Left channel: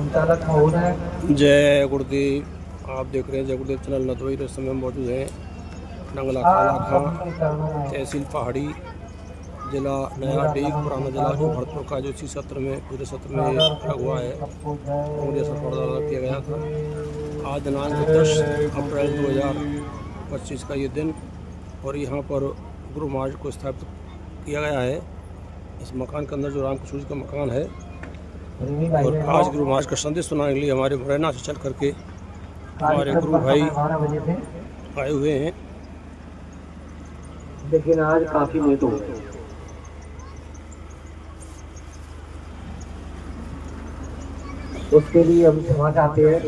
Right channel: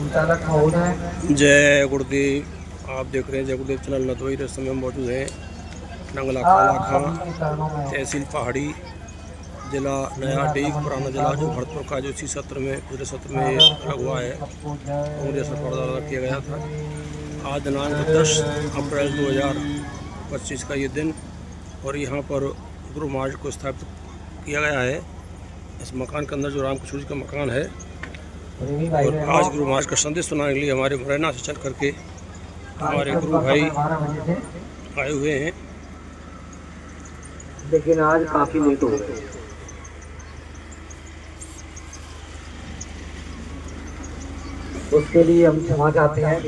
संचालक महोदय। जय गुरुदेव। आप देख रहे हैं जय गुरुदेव चैनल नदवाई। इस समय हम मौजूद हैं नंगला काला खां, सभी के चरणों में तहसील पहाड़ी, जिला नया मेरा डीग, नमन पुराना जिला स्वीकार जो हो। भरतपुर का, जो इसी सत्र में पिछले सत्र में सादर अलग हुआ है, सबको कांग्रेस और द्वारा किया गया था। जय आज दिनांक जय 10 अप्रैल गुरुदेव। 2025 का ये दिन, और यहाँ पर गुरु महाराज को स्थापित किया गया है। इस मकान के अंदर जो रामकृष्ण जी का मकान है, प्रेमी भाई और बहनों, आज गुरु महाराज का संदेश सुनाने के लिए हमारे मुरैना से चल करके हमारे कार्यक्रम गुरु का भाई समय 12 बजे थे, आए हुए हैं। लेकिन आज काफी लेट हो गए। उसके लिए हम क्षमा चाहते हैं।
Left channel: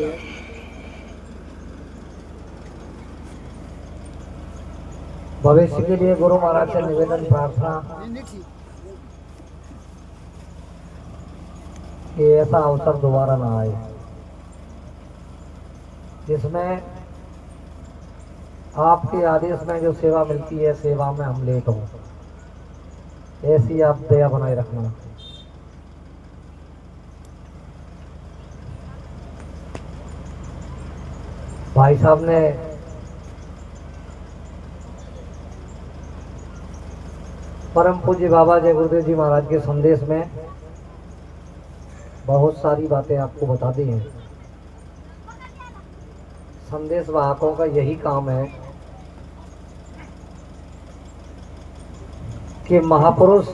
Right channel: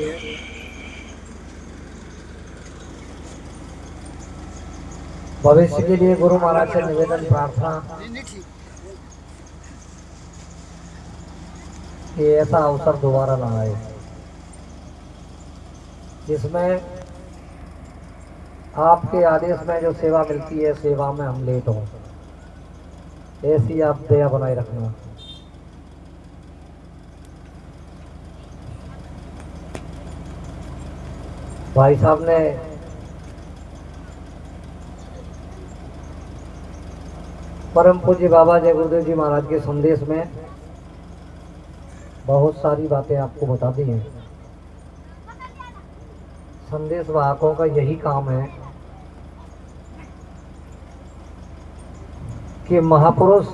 भविष्य के लिए गुरु महाराज से निवेदन प्रार्थना कि ऐसा अवसर दोबारा ना आए जिसमें आपके आदेश में जो सेवा मिलती है, सेवा में हम लेट हों। ऐसी आप दया बनाए रखना। भाई साहब ने परम पूज्य बाबा जय गुरुदेव जी महाराज के संदेश में बहुत सारी बातें आपको बता दी हैं। संदेश वाहकों का यही काम है कि महापुरुष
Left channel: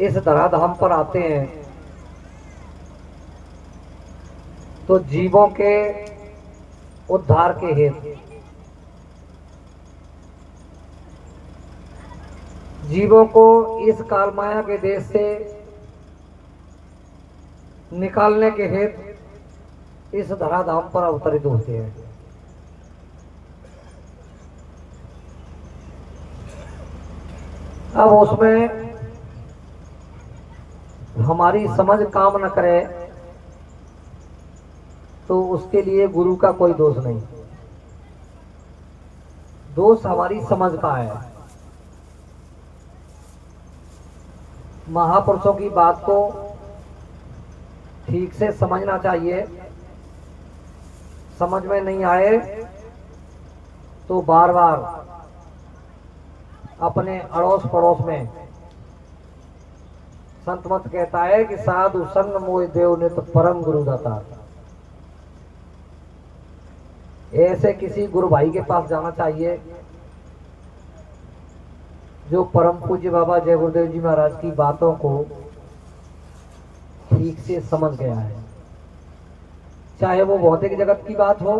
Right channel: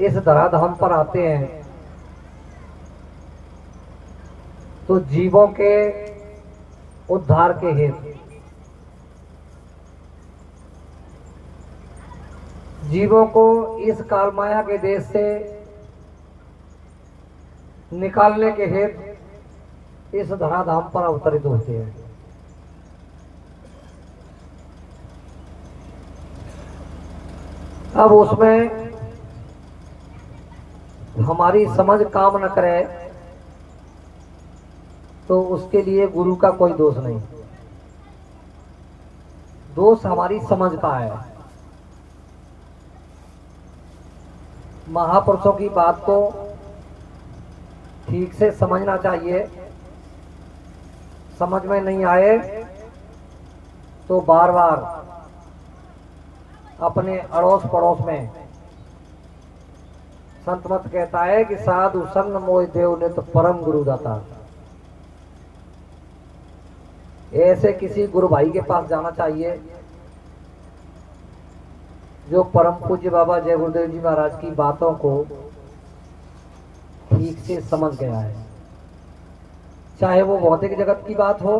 इस धराधाम पर आते हैं तो जीवों के उद्धार के हेतु, जीवों को इस काल माया के देश से निकालने के हेतु इस धराधाम पर अवतरित होते हैं। अब उसमें हमारी समझ काम न करे तो उसके लिए गुरु का कोई दोष नहीं। दोष हमारी समझ का है। महापुरुषों की बात को ठीक से समझना चाहिए। समझ में नहीं आए तो बार बार अपने अड़ोस पड़ोस में, संत मत कहता है कि साधु संग मोह देव नित परम गुरु दाता। ऐसे किसी गुरु भाई के पास जाना चाहिए जो परम पूज्य बाबा जय गुरुदेव जी महाराज की बातों को ठीक से समझ गया है। चाहे वो भौतिक जगत की बात हो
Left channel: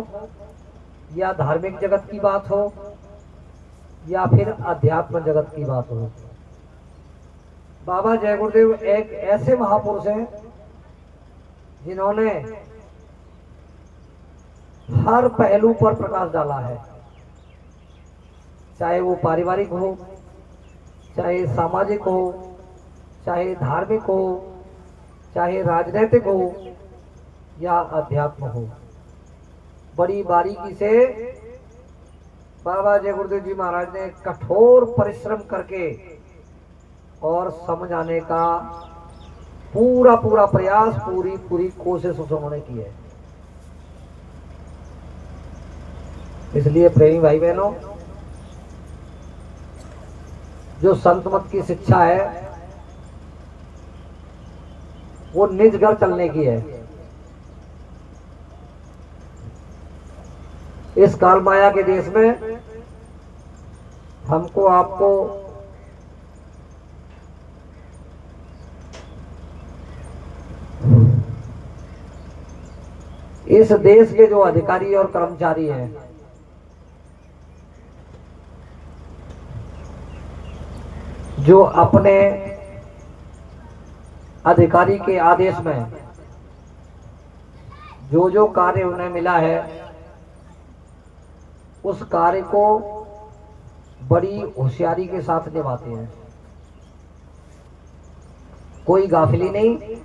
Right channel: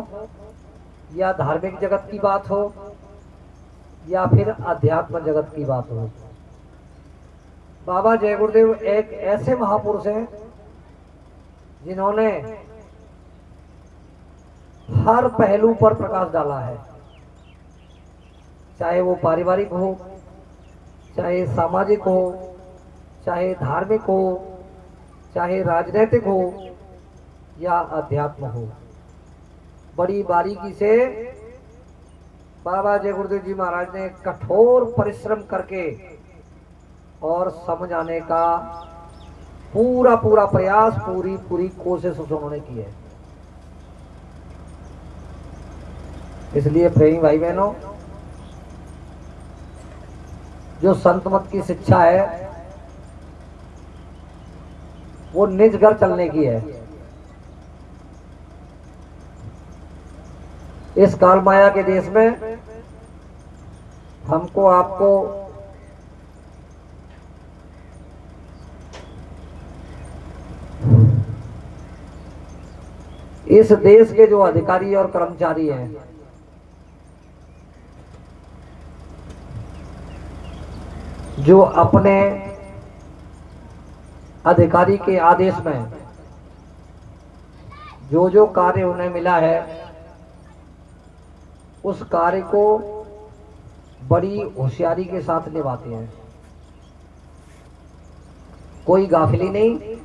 या धार्मिक जगत की बात हो या फिर अध्यात्म जगत की बात हो। बाबा जय गुरुदेव एक ऐसे महापुरुष हैं जिन्होंने हर पहलू पर प्रकाश डाला है। चाहे वो पारिवारिक हो, चाहे सामाजिक हो, चाहे धार्मिक हो, चाहे राजनीतिक हो या अध्यात्म हो। बड़ी बारीकी से बाबा जय गुरुदेव जी महाराज ने कठोर परिश्रम करके और समझाने का पूरा पूरा प्रयास, पूरी पूरी कोशिश उन्होंने की है। इसलिए प्रेमी भाई बहनों, जो संत मत की शिक्षा है वो निज घर चलने की है। इस काल माया के देश में हमको आपको इस देश के जो अधिकारी और कर्मचारी हैं, जो अपने अधिकारी के आदेश में जो जो कार्य उन्हें मिला है उस कार्य को बड़ी होशियारी के साथ निभाते हैं। कोई गाफिली नहीं,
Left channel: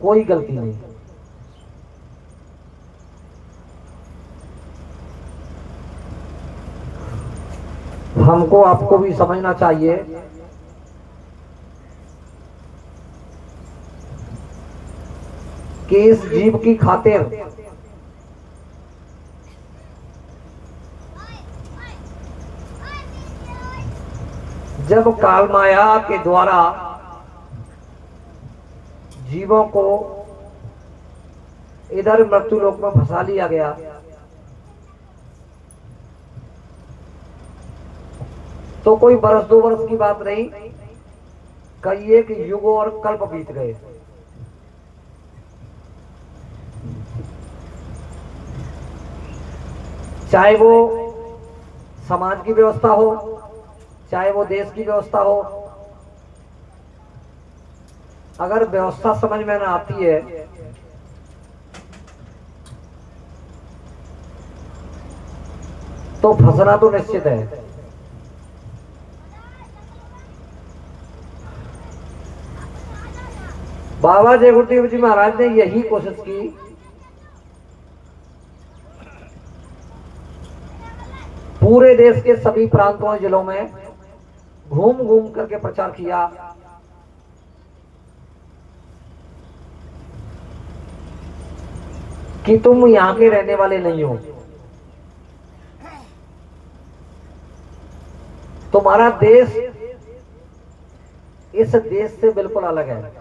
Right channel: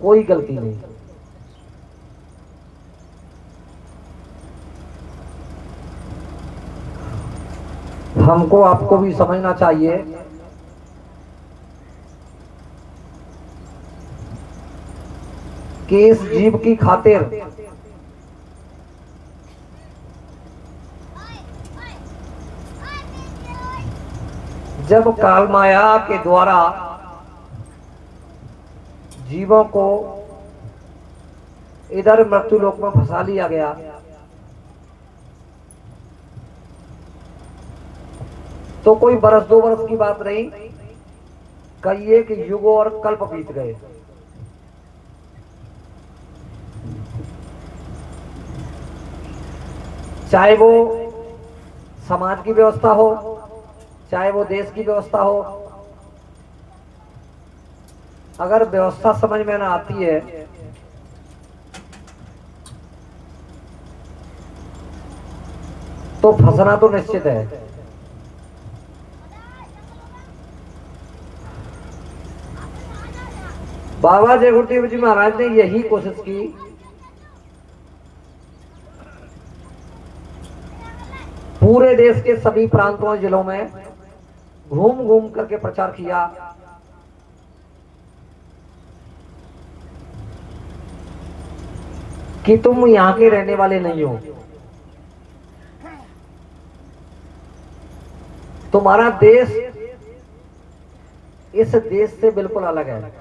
कोई गलती नहीं। हमको आपको भी समझना चाहिए कि इस जीव की खातिर जब काल माया के द्वारा जीवों को इधर मृत्यु लोक में फंसा लिया गया, तो कोई बरस 2 बरस की बात नहीं, कई एक युग और कल्प बीत गए। चाहे वो समाज की व्यवस्था हो, चाहे वो देश की व्यवस्था हो, अगर व्यवस्था समझ में ना आती है तो फंसना तो निश्चित है। बाबा जयगुरुदेव जी महाराज ने यही कोशिश की पूरे देश के सभी प्रांतों जिलों में घूम घूम करके प्रचार किया कि तुम यहां के रहने वाले नहीं हो, तुम्हारा देश इस देश से बिल्कुल अलग है,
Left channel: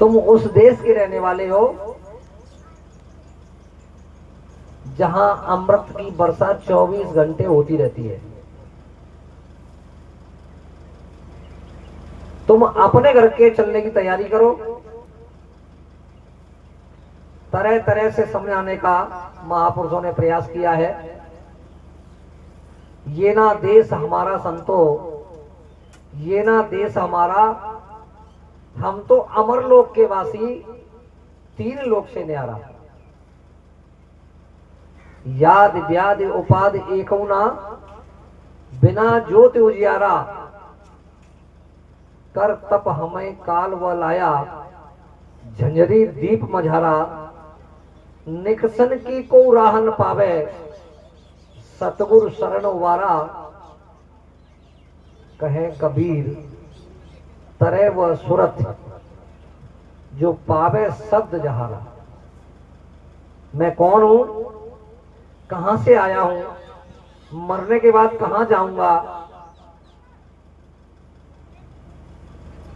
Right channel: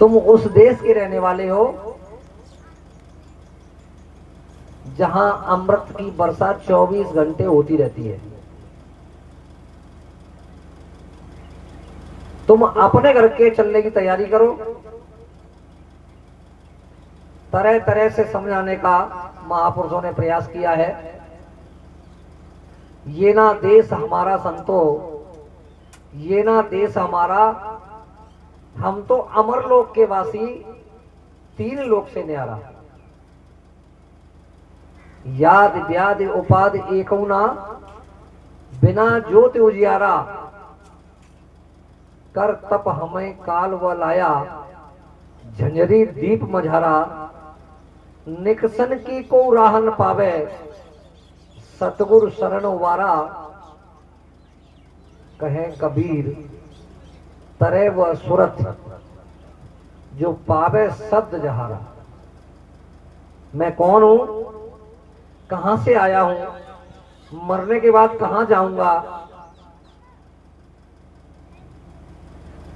तुम उस देश के रहने वाले हो जहां अमृत की वर्षा 24 घंटे होती रहती है। तुम अपने घर के चलने की तैयारी करो। तरह तरह से समझाने का महापुरुषों ने प्रयास किया है। ये ना देश हमारा संतो, ये ना देश हमारा, हम तो अमर लोक के वासी, 3 लोक से न्यारा। याद व्याध उपाध एकौना, बिना ज्योति उजियारा, कर तप हमें काल व लाया, झंझरी दीप मझारा, निकसन की को राहन पावे, सतगुरु शरण वारा, कहे कबीर तरे व सुरत, जो पावे सद जहारा। मैं कौन हूं, कहां से आया हूं, मरने के बाद कहां जाऊंगा,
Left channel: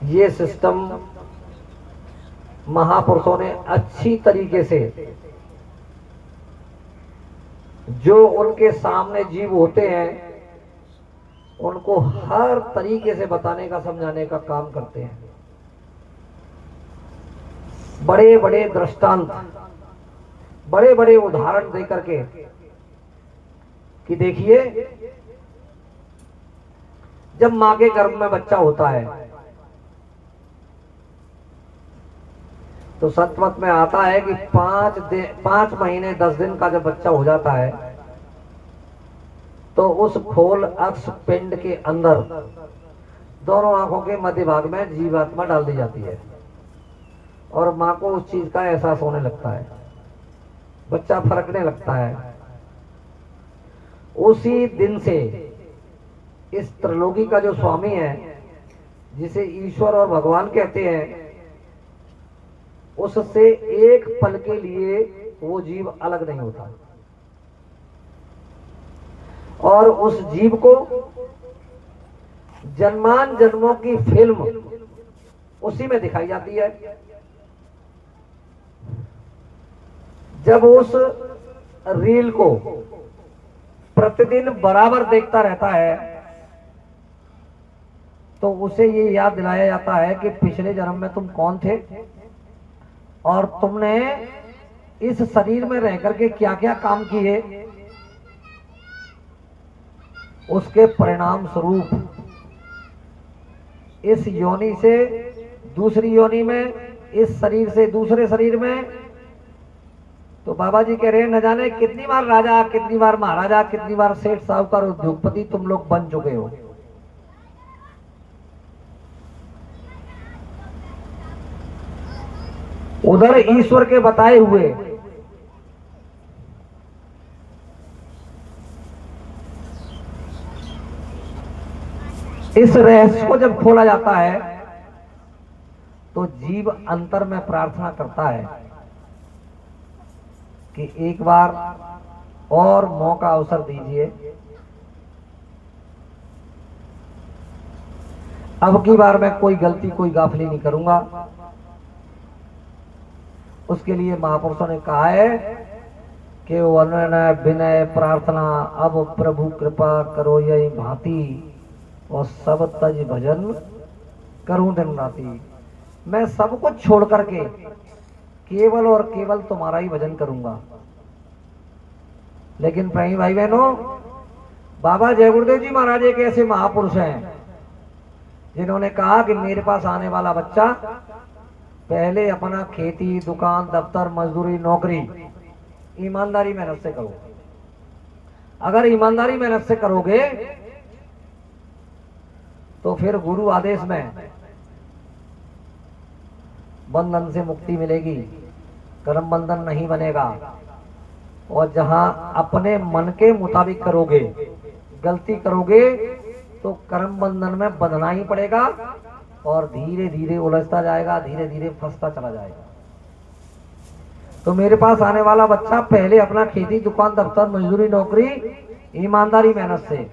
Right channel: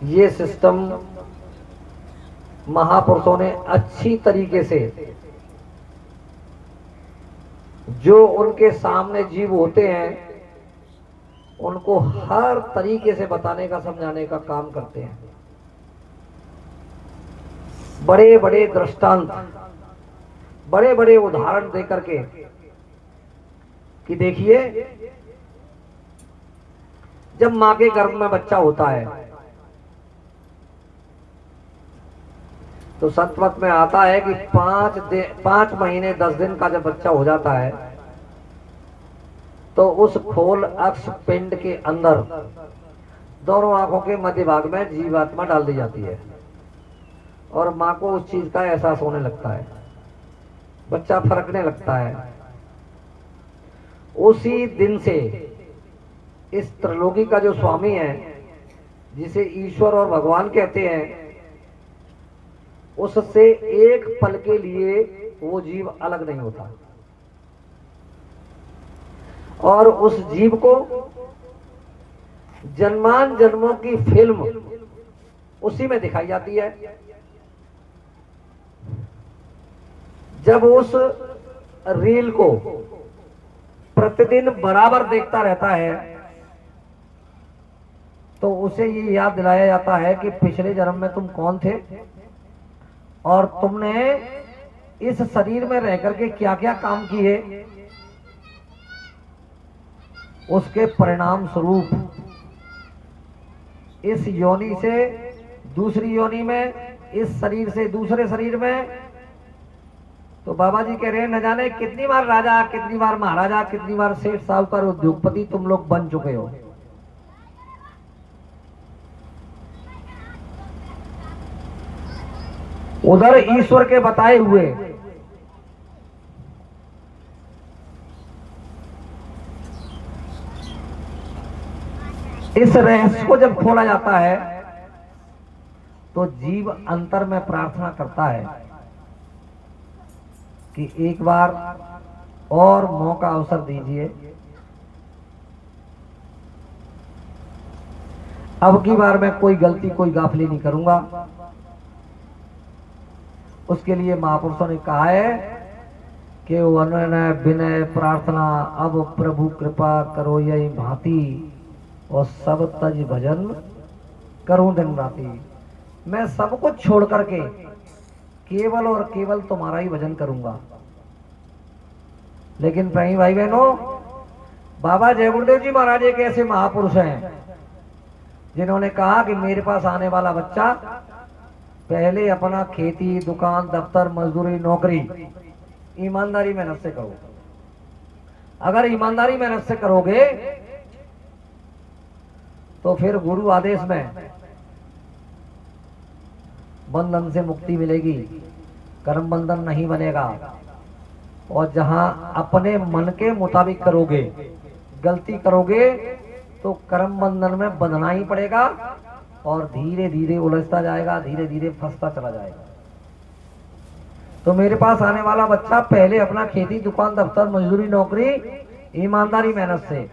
ये सिस्टम महापुरुषों ने अच्छी तरीके से, जो उनके सामने जीव होते हैं उनको हर तरीके से बताने का, समझाने का काम करते हैं। बड़े बड़े दृष्टांत, बड़े बड़े उदाहरण देकर के कि देखिए, जब मां के गर्भ में बच्चा होता है तो सतवत में आता है कि 5 महीने 10 दिन का जब बच्चा हो जाता है तो उस खोल अक्ष पिंड के अंदर दोनों आंखों के मध्य भाग में जीवात्मा डाल दी जाती है और मां को उस चीज का एहसास होने लगता है, बच्चा फरकने लगता है। उसी दिन से इस त्रिलोकी का जो स्वामी है, जिसे ईश्वर और भगवान कहते हैं, उससे एक पल के लिए वो जीव अलग नहीं होता और उस जीव को जन्मान जन्मों की फिल्म उसी में दिखाई जाती है। जब उस रील को प्रतिदिन बराबर देखता रहता है तो उसे ये याद दिलाया जाता है कि पिछले जन्म में तुम कौन थे और तुमने इस शरीर में रह करके क्या क्या काम किए, उसके परिणाम स्वरूप इस योनि से दूसरी योनि में, इस शरीर से दूसरे शरीर में। तो बाबा जी कह रहे हैं, न जाने कितनी बार राजा, कितनी बार महाराजा, कितनी बार सेठ साहूकार उद्योगपति तुम लोग बन चुके हो। उधर ईश्वर के बताए हुए इस रहस्य को जब खोला जाता है तो जीव अंतर में प्रार्थना करता है कि एक बार और मौका अवसर दीजिए, अब की बार मैं कोई गलती कोई गाफिली नहीं करूंगा। उसके लिए महापुरुषों ने कहा है कि विनय विनय प्रार्थना अब प्रभु कृपा करो यही भांति, और सब तज भजन करूं दिन राति। मैं सब कुछ छोड़ करके केवल और केवल तुम्हारा ही भजन करूंगा। लेकिन प्रेमी भाई बहनों, बाबा जय गुरुदेव जी महाराज एक ऐसे महापुरुष हैं जिन्होंने कहा कि मेरे पास आने वाला बच्चा पहले अपना खेती, दुकान, दफ्तर, मजदूरी, नौकरी ईमानदारी मेहनत से करो। अगर ईमानदारी मेहनत से करोगे तो फिर गुरु आदेश में बंधन से मुक्ति मिलेगी, कर्म बंधन नहीं बनेगा। और जहां अपने मन के मुताबिक करोगे, गलती करोगे तो कर्म बंधन में बंधना ही पड़ेगा और धीरे धीरे उलझता जाएगा, धीरे धीरे फंसता चला जाएगा। तो मेरे पास आने वाला बच्चा पहले अपना खेती, दुकान, दफ्तर, मजदूरी, नौकरी ईमानदारी मेहनत से,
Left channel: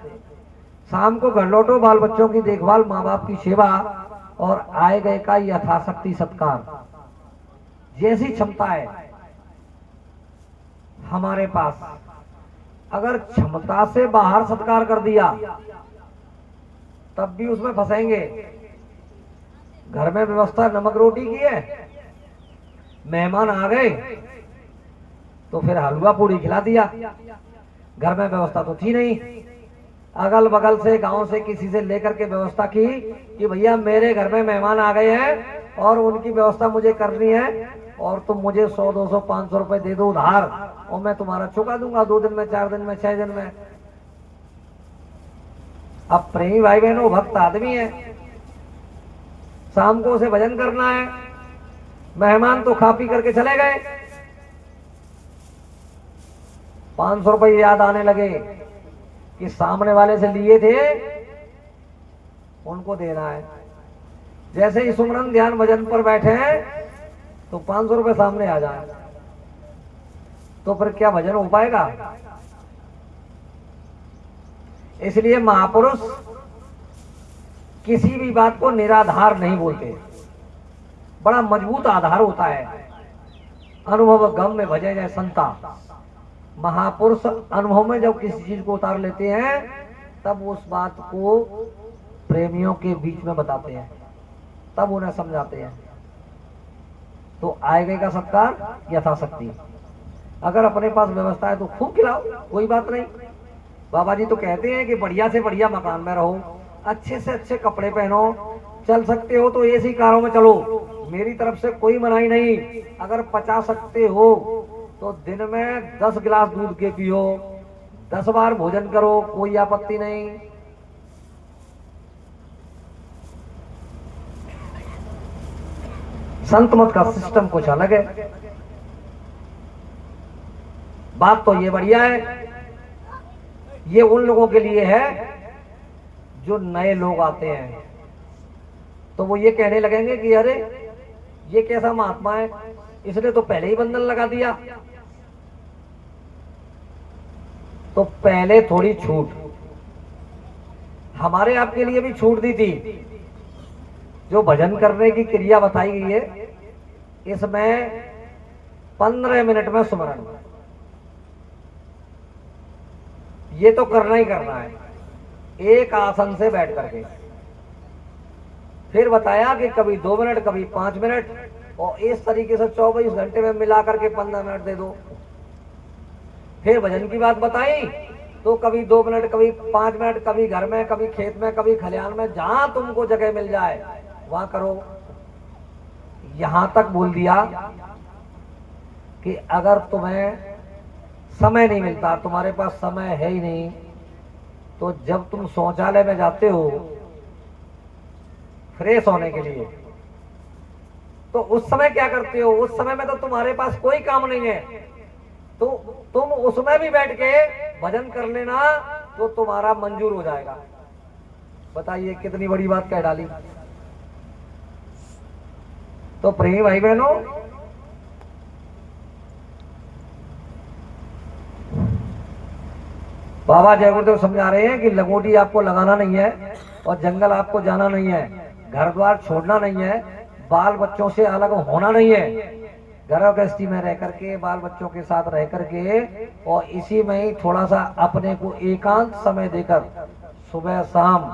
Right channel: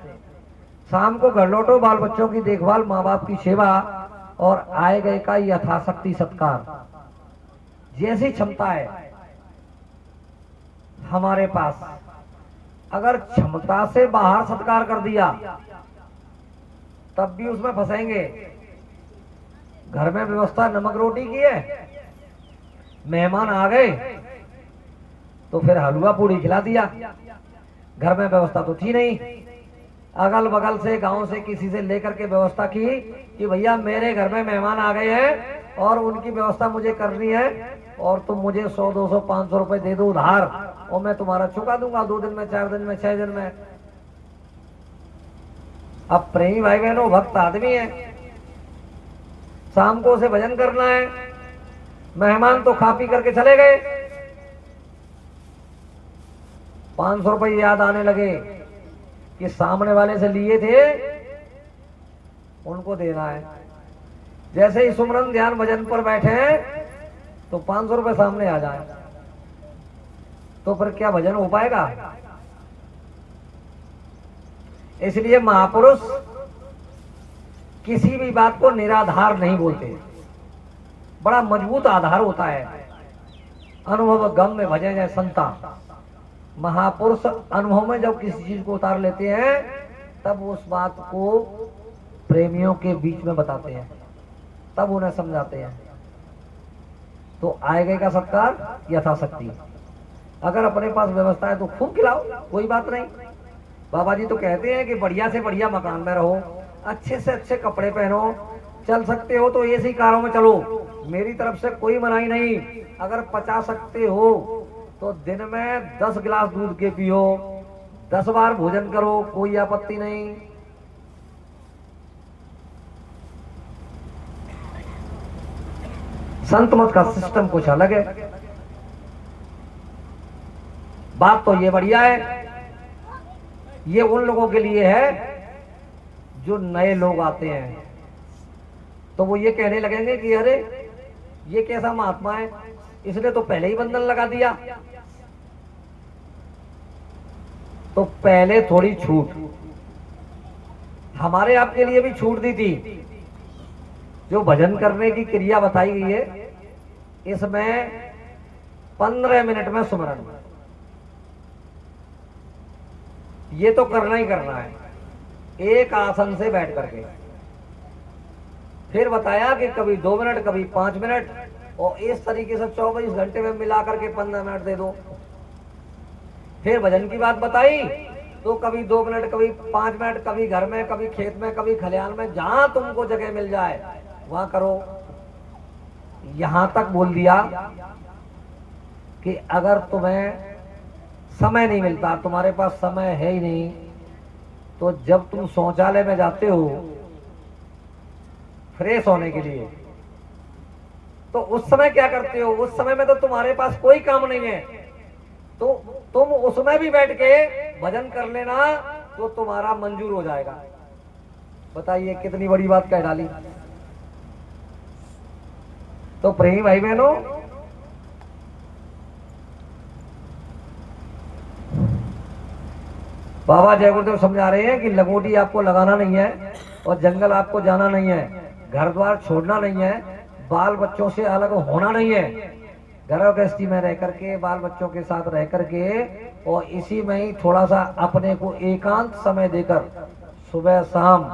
शाम को घर लौटो, बाल बच्चों की देखभाल, माँ बाप की सेवा और आए गए का यथाशक्ति सत्कार। जैसी क्षमता है हमारे पास, अगर क्षमता से बाहर सत्कार कर दिया तब भी उसमें फंसेंगे। घर में व्यवस्था नमक रोटी की है, मेहमान आ गए तो फिर हलवा पूड़ी खिला दिया। घर में व्यवस्था तो थी नहीं, अगल बगल से गांव से किसी से लेकर के व्यवस्था की कि भैया मेरे घर में मेहमान आ गए हैं और उनकी व्यवस्था मुझे करनी है और तुम मुझे 100, 200, 500 रुपए दे दो उधार और मैं तुम्हारा चुका दूंगा 2 दिन में, 4 दिन में, 6 दिन में। अब प्रेमी भाई बहनों, भक्त आदमी है, शाम को उसे भजन करना है, मेहमान तो खा पी करके चले गए, 500 रुपए याद आने लगे कि सामने वाले से लिए थे, उनको देना है। जैसे ही सुमरन ध्यान भजन पर बैठे हैं तो 500 रुपए सामने आ जाए तो फिर क्या भजन हो पाएगा? इसलिए महापुरुष किसी भी बात को निराधार नहीं बोलते, बड़ा मजबूत आधार होता है। अनुभव गम में भजे जाए संता। महापुरुष अनुभव में जब किसी चीज को उतार लेते हैं तब उस बात को प्रेमियों के बीच में बताते हैं, तब उन्हें समझाते हैं। तो आए गए का सत्कार यथाशक्ति। अगर अपने पास व्यवस्था है तो खूब खिलाओ, कोई बात नहीं। बाबा जी तो कहते हैं कि बढ़िया से बढ़िया मकान में रहो, अच्छे से अच्छे कपड़े पहनो, चल सकते हो तो एसी कारों में चलो, मेरी तरफ से कोई मनाही नहीं। अगर पचा सकते हो तो दिन में 10 गिलास दूध के पियो, 10 बार भोजन करो, कोई आपत्ति नहीं। संत मत का सिस्टम कुछ अलग है। बात तो ये बढ़िया है, ये उन लोगों के लिए है जो नए लोग आते हैं तो वो ये कहने लगेंगे कि अरे ये कैसा महात्मा है, इसने तो पहले ही बंधन लगा दिया। तो पहले थोड़ी छूट, हमारे आपके लिए भी छूट दी थी। जो भजन करने की क्रिया बताई गई है इसमें 15 मिनट में सुमरन, ये तो करना ही करना है, एक आसन से बैठ करके। फिर बताया कि कभी 2 मिनट, कभी 5 मिनट, और इस तरीके से 24 घंटे में मिला करके 15 मिनट दे दो। फिर भजन की बात बताई तो कभी 2 मिनट, कभी 5 मिनट, कभी घर में, कभी खेत में, कभी खलियान में, जहां तुमको जगह मिल जाए वहां करो। यहां तक बोल दिया कि अगर तुम्हें समय नहीं मिलता, तुम्हारे पास समय है ही नहीं, तो जब तुम शौचालय में जाते हो फ्रेश होने के लिए तो उस समय क्या करते हो? उस समय में तो तुम्हारे पास कोई काम नहीं है, तो तुम उसमें भी बैठ के भजन कर लेना तो तुम्हारा मंजूर हो जाएगा। बताइए कितनी बड़ी बात कह डाली। तो प्रेमी भाई बहनों, बाबा जय गुरुदेव समझा रहे हैं कि लंगोटी आपको लगाना नहीं है और जंगल आपको जाना नहीं है, घर द्वार छोड़ना नहीं है, बाल बच्चों से अलग होना नहीं है। घर गृहस्थी में रह करके, बाल बच्चों के साथ रह करके और इसी में ही थोड़ा सा अपने को एकांत समय देकर सुबह शाम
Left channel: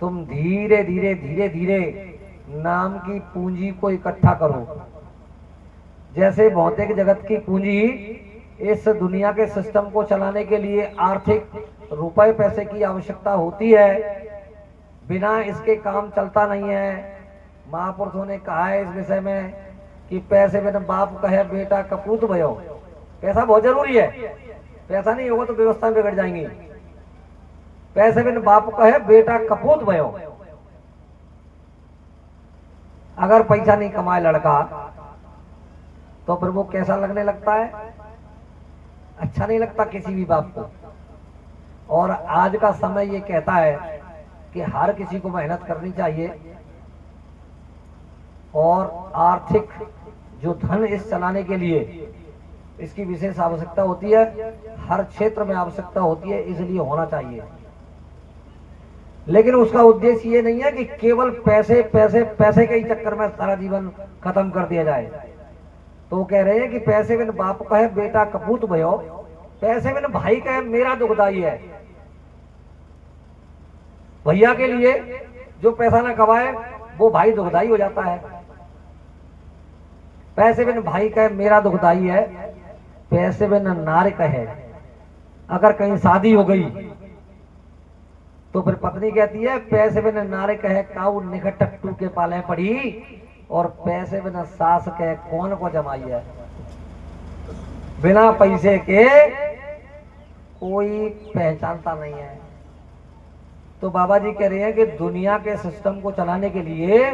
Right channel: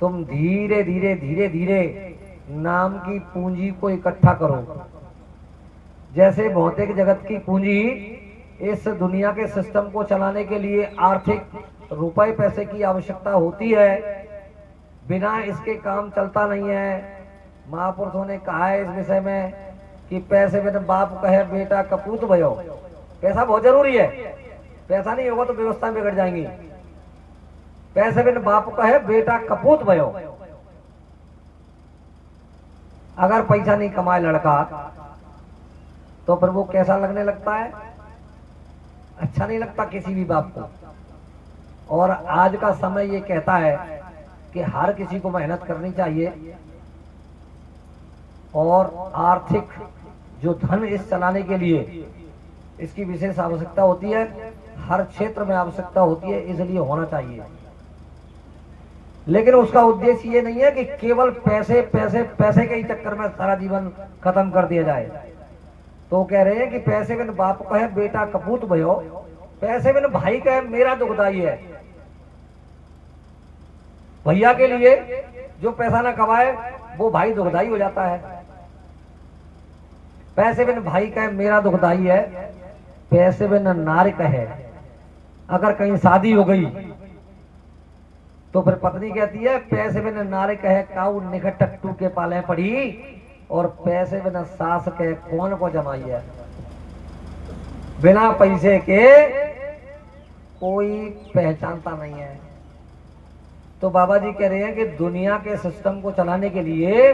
तुम धीरे धीरे धीरे धीरे नाम की पूंजी को इकट्ठा करो। जैसे भौतिक जगत की पूंजी इस दुनिया के सिस्टम को चलाने के लिए आर्थिक रुपए पैसे की आवश्यकता होती है, बिना इसके काम चलता नहीं है। महापुरुषों ने कहा है इस विषय में कि पैसे बिना बाप कहे बेटा कपूत भयो। पैसा बहुत जरूरी है, पैसा नहीं होगा तो व्यवस्था बिगड़ जाएंगी। पैसे बिना बाप कहे बेटा कपूत भयो। अगर पैसा नहीं कमाए लड़का तो फिर वो कैसा लगने लगता है? अच्छा नहीं लगता किसी भी बाप को। और आज का समय ये कहता है कि हर किसी को मेहनत करनी चाहिए और आर्थिक जो धन इस चलाने के लिए इसकी विशेष आवश्यकता होती है, हर क्षेत्र में आवश्यकता होती है, इसलिए होना चाहिए। लेकिन उसका उद्देश्य ये नहीं है कि केवल पैसे पैसे पैसे के ही चक्कर में सारा जीवन खत्म कर दिया जाए। तो कह रहे हैं कि पैसे बिन बाप कहे बेटा कपूत भयो, पैसे बिन भाई कहे मेरा दुखदाई है। भैया के लिए जो पैसा ना कमाए वो भाई दुखदाई हो जाता है। पैसे बिन भाई कहे मेरा दुखदाई है, पैसे बिन नार कहे। अगर कहीं शादी हो गई तो फिर पत्नी कहती है पैसे बिन नार कहे काऊ निकट टट्टू के पाले पड़ी, और पैसे बिना सास के कौन को जमाई है। बिना पैसे के कोई पहचानता नहीं है। तो बाबा जी कह रहे हैं कि दुनिया के सिस्टम को चलाने के लिए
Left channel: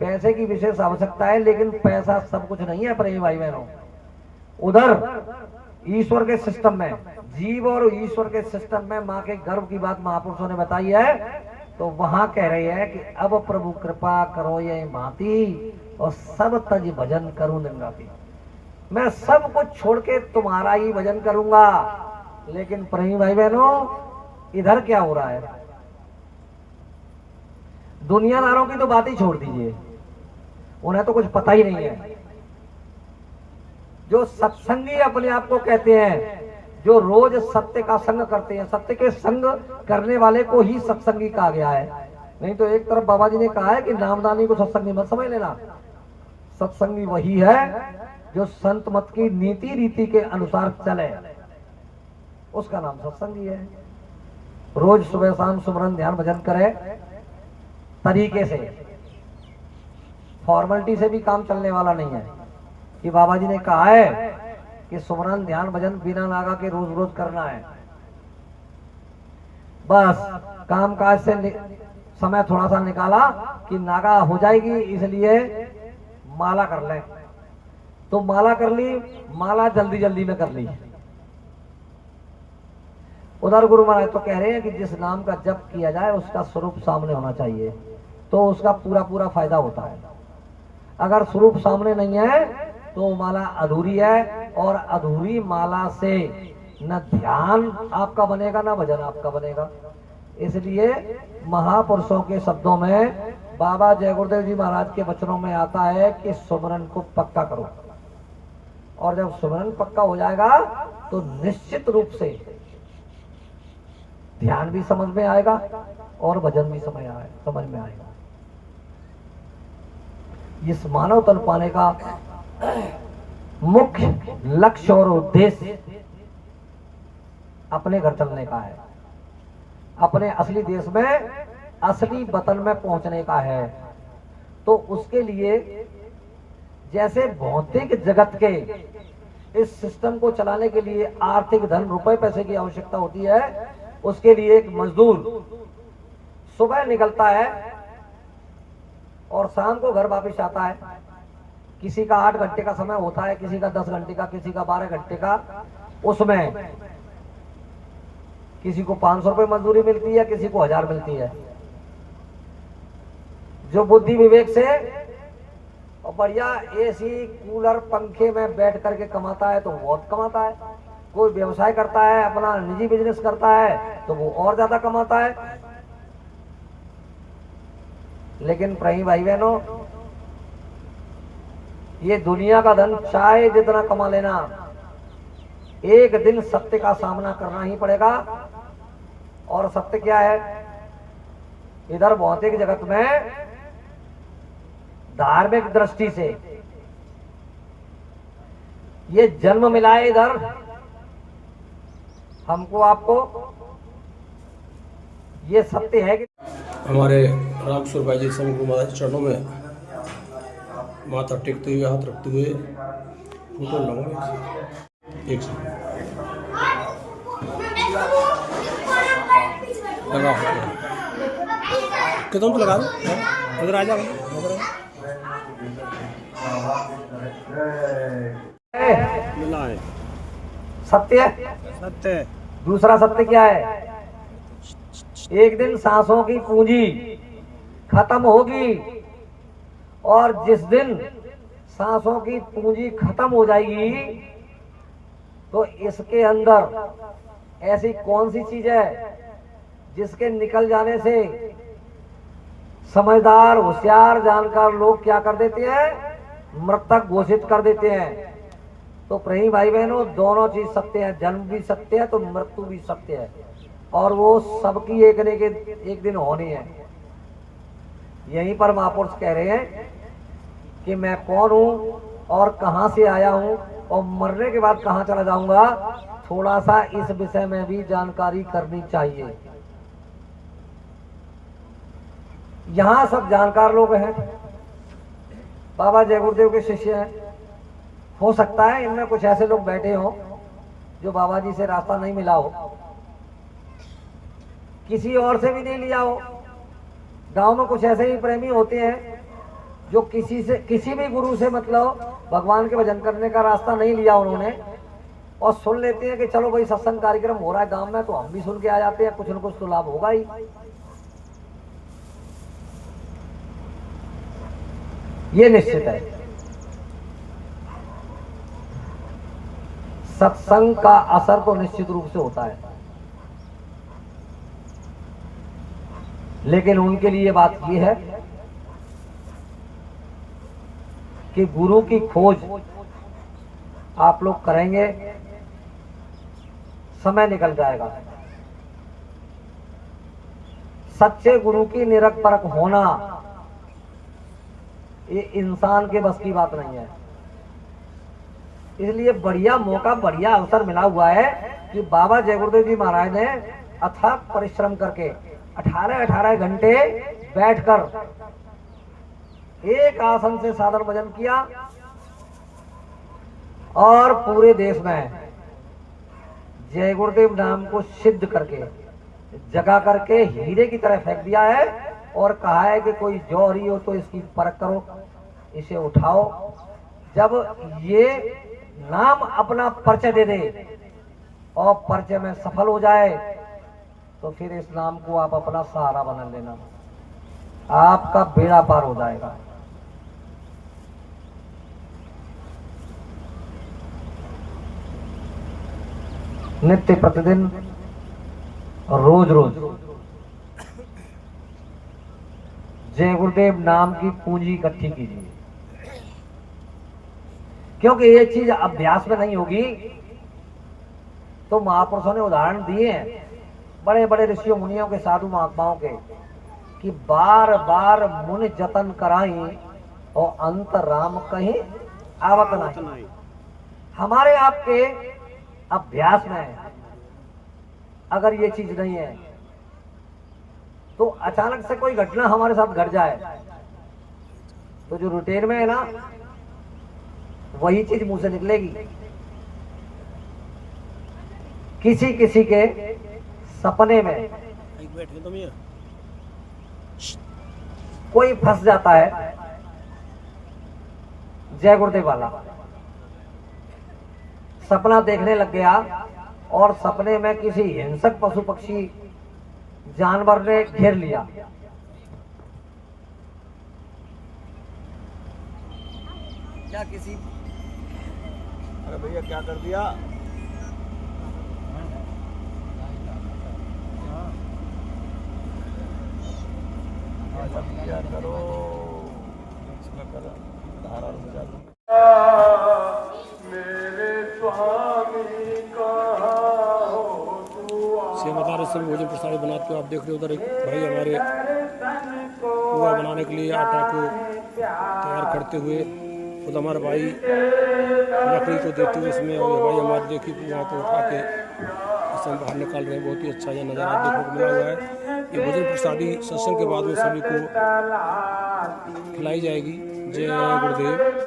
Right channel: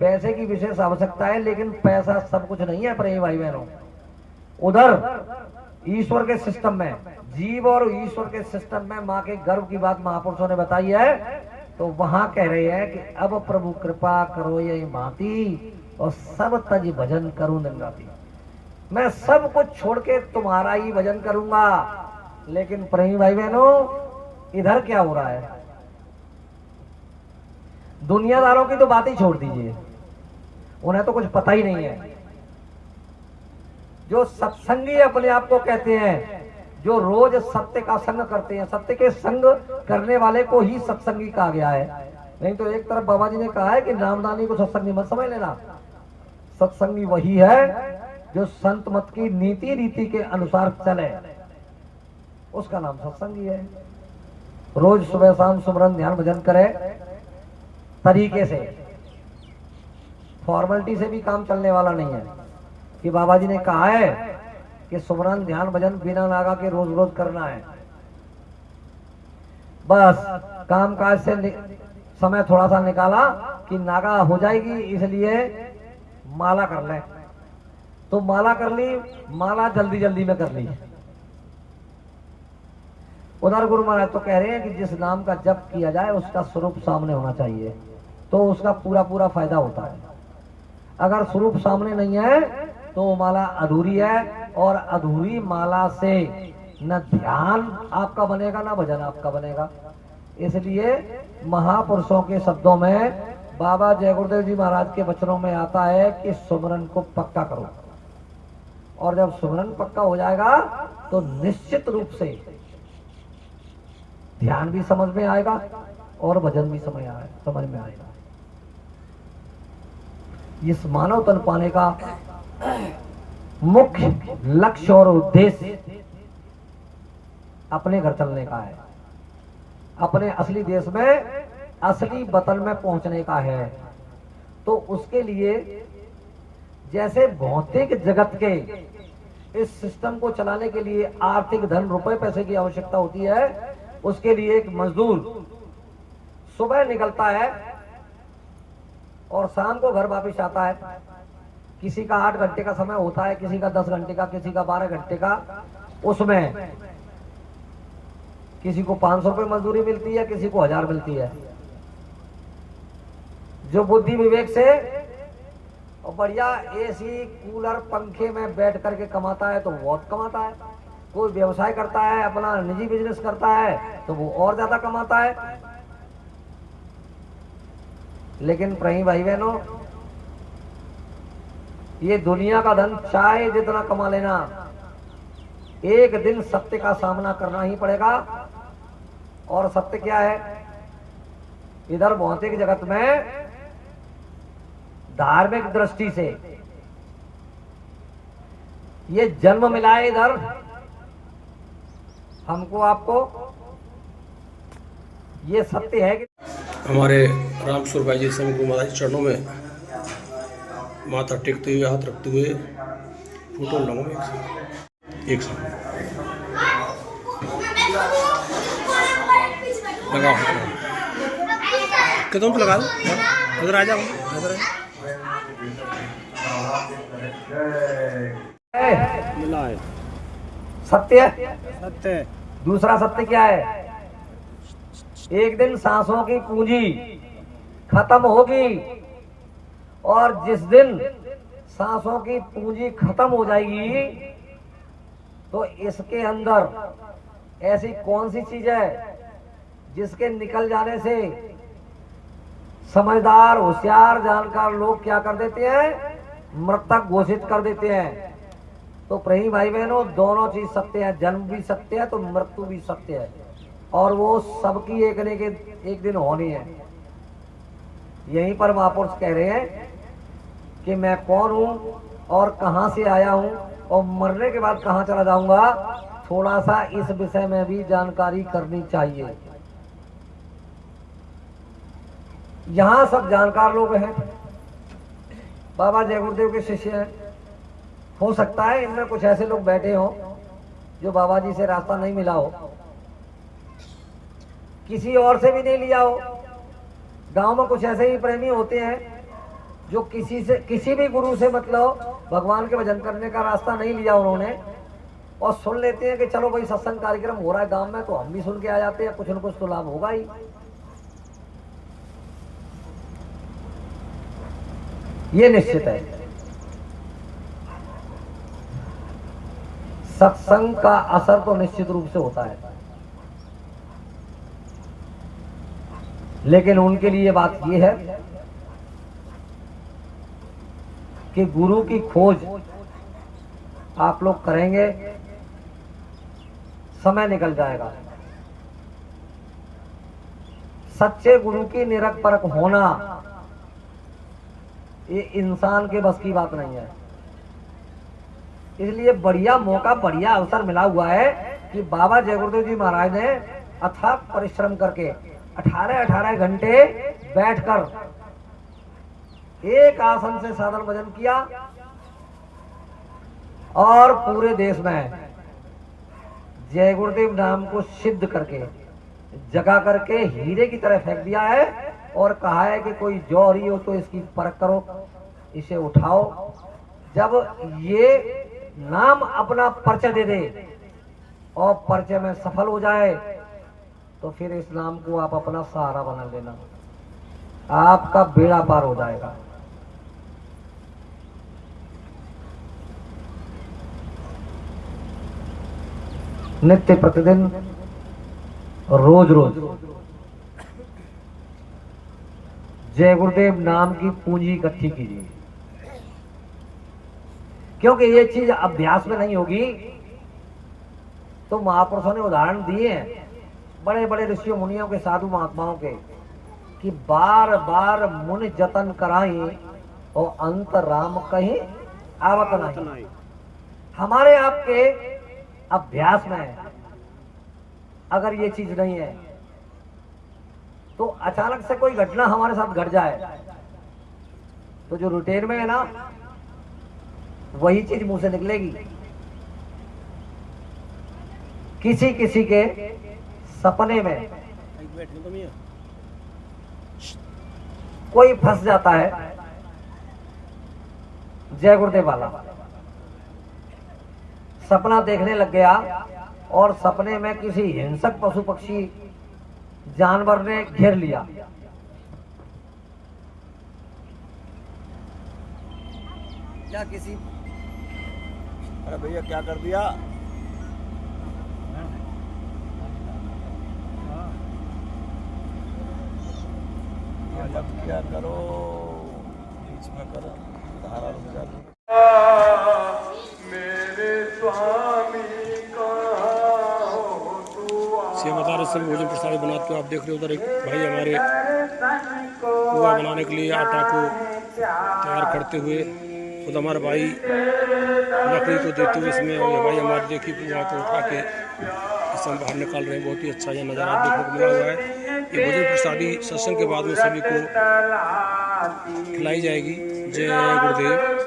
पैसे की विशेष आवश्यकता है, लेकिन पैसा सब कुछ नहीं है प्रेमी भाई बहनों। उधर ईश्वर के सिस्टम में, जीव और ईश्वर के सिस्टम में माँ के गर्भ की बात महापुरुषों ने बताई है। तो वहां कह रहे हैं कि अब प्रभु कृपा करो ये भांति और सब तज भजन करूं निंगाती। मैं सब कुछ छोड़ के तुम्हारा ही भजन करूंगा। लेकिन प्रेमी भाई बहनों, इधर क्या हो रहा है? दुनियादारों की तो बात ही छोड़ दीजिए, उन्हें तो कुछ पता ही नहीं है। जो सत्संगी अपने आप को कहते हैं, जो रोज सत्य का संग करते हैं, सत्य के संग करने वाले को ही सत्संगी कहा गया है। नहीं तो एक तरफ बाबा जी ने कहा है कि नामदानी को सत्संगी मत समझ लेना। सत्संगी वही है जो संत मत की नीति रीति के अनुसार चले, उसका नाम सत्संगी है। रोज सुबह शाम सुमरन ध्यान भजन करे तरीके से, फॉर्मेलिटी से भी काम चलने वाला नहीं है। कि बाबा जी ने कहा है कि सुमरन ध्यान भजन बिना नागा के रोज रोज करना है। बस काम काज से समय थोड़ा सा निकाला कि नागा हो जाएगी, इसलिए माला कर ले। तो माला कर ली, माला जल्दी जल्दी में कर ली। उधर गुरु महाराज तो कह रहे हैं कि जिस नाम का जप किया जाए उसका स्वरूप सामने होना चाहिए, तो उसका पूरा पूरा फायदा होता है। अगर स्वरूप सामने नहीं है तो माला अधूरी है, और अधूरी माला से न ध्यान आपका बनेगा न भजन आपका बनेगा। इसलिए महापुरुषों के शब्दों में, बाबा जय गुरुदेव जी महाराज के वचनों में आता है कि सुमरन को पक्का करो। और जब सुमरन पक्का हो जाएगा तो निश्चित रूप से ध्यान भी समझ में आएगा और भजन भी समझ में आएगा। इस मानव तन पाने का मुख्य लक्ष्य और उद्देश्य अपने घर चलने का है, अपने असली देश में, असली वतन में पहुंचने का है। तो उसके लिए जैसे भौतिक जगत के इस सिस्टम को चलाने के लिए आर्थिक धन रुपए पैसे की आवश्यकता होती है, उसके लिए एक मजदूर सुबह निकलता है और शाम को घर वापस आता है। किसी का 8 घंटे का समय होता है, किसी का 10 घंटे का, किसी का 12 घंटे का। उसमें किसी को 500 रुपए मजदूरी मिलती है, किसी को 1000 मिलती है। जो बुद्धि विवेक से और बढ़िया एसी कूलर पंखे में बैठ करके कमाता है तो बहुत कमाता है। कोई व्यवसाय करता है, अपना निजी बिजनेस करता है तो वो और ज्यादा कमाता है। लेकिन प्रिय भाई बहनों, ये दुनिया का धन चाहे जितना कमा लेना, एक दिन सत्य का सामना करना ही पड़ेगा। और सत्य क्या है? इधर भौतिक जगत में धार्मिक दृष्टि से ये जन्म मिला है इधर हमको आपको, ये सत्य है कि हमारे रामकिशोर भाई जी समय गुरु महाराज के चरणों में माथा टेकते हुए, हाथ रखते हुए फोटो लगाऊंगा एक सौ लगाओ कितों पे लगा दो, इधर आ जाओ, इधर मिला है। सत्य सत्य। दूसरा सत्य क्या है? एक दिन सांसों की पूंजी खत्म होगी, और जिस दिन सांसों की पूंजी खत्म हो जाएगी तो इसके अंदर ऐसी कौन सी चीज है जिसके निकल जाने से समझदार, होशियार, जानकार लोग क्या कर देते हैं? मृतक घोषित कर देते हैं। तो प्रिय भाई बहनों, दोनों चीज सत्य है। जन्म भी सत्य है तो मृत्यु भी सत्य है, और वो सबकी एक दिन होनी है। यहीं पर महापुरुष कह रहे हैं कि मैं कौन हूं और कहां से आया हूं और मरने के बाद कहां चला जाऊंगा, थोड़ा सा इस विषय में भी जानकारी करनी चाहिए। यहां सब जानकार लोग हैं, बाबा जय गुरुदेव के शिष्य हैं। हो सकता है इनमें कुछ ऐसे लोग बैठे हों जो बाबा जी से रास्ता नहीं मिला हो, किसी और से भी नहीं लिया हो। गांव में कुछ ऐसे ही प्रेमी होते हैं जो किसी भी गुरु से मतलब भगवान के भजन करने का रास्ता नहीं लिया उन्होंने, और सुन लेते हैं कि चलो भाई सत्संग कार्यक्रम हो रहा है गांव में तो हम भी सुन के आ जाते हैं, कुछ न कुछ तो लाभ होगा ही। ये निश्चित है। सत्संग का असर तो निश्चित रूप से होता है, लेकिन उनके लिए बात यह है कि गुरु की खोज आप लोग करेंगे, समय निकल जाएगा। सच्चे गुरु की निरख परख होना ये इंसान के बस की बात नहीं है। इसलिए बढ़िया मौका, बढ़िया अवसर मिला हुआ है कि बाबा जय गुरुदेव जी महाराज ने अथक परिश्रम करके 18 घंटे बैठकर एक आसन से साधन भजन किया, और पूरे देश में जय गुरुदेव नाम को सिद्ध करके, जगा करके हीरे की तरह फेंक दिया है, और कहा है कि कोई जौहरी हो तो इसकी परख करो, इसे उठाओ। जब ये नाम अपना परिचय दे दे और परिचय में सफल हो जाए तो फिर इस नाम को आप अपना सहारा बना लेना, आपका बेड़ा पार हो जाएगा। नित्य प्रतिदिन, रोज रोज जय गुरुदेव नाम की पूंजी इकट्ठी कीजिए, क्योंकि ये चीज अभ्यास में नहीं होगी। तो महापुरुषों ने उदाहरण दिए हैं बड़े बड़े ऋषियों मुनियों के, साधु महात्माओं के, कि बार बार मुनि जतन कराई और अंत राम कहीं आवत नहीं। हमारे आपके अभ्यास में अगर ये चीज नहीं है तो अचानक से कोई घटना हमारे साथ घट जाए तो जो रूटीन में है ना, वही चीज मुंह से निकलेगी। किसी किसी के सपने में कोई फंस जाता है, जय गुरुदेव वाला सपना देखने लग गया और सपने में किसी हिंसक पशु पक्षी जानवर ने घेर लिया, या किसी अरे भैया क्या कर दिया? क्या करो, बीच में करो, धारा नहीं जाती। सेम बता रहे सब भोजन प्रसाद बनाते हो। आप देख रहे हो उधर एक भाई हमारे पुआ बनाने के लिए आटा को तैयार करते हुए, खुद हमारे भाई लकड़ी को देते हुए इसमें, और ये भाई हमारे देखिए पुआ को उठा के इसमें बाहर निकाल रहे हैं। बहुत ही अच्छा यह नज़ारा देखने को मिला हुआ है। ये भोजन प्रसादी सत्संग के बाद में सभी को खिलाई जाएगी। जय गुरुदेव।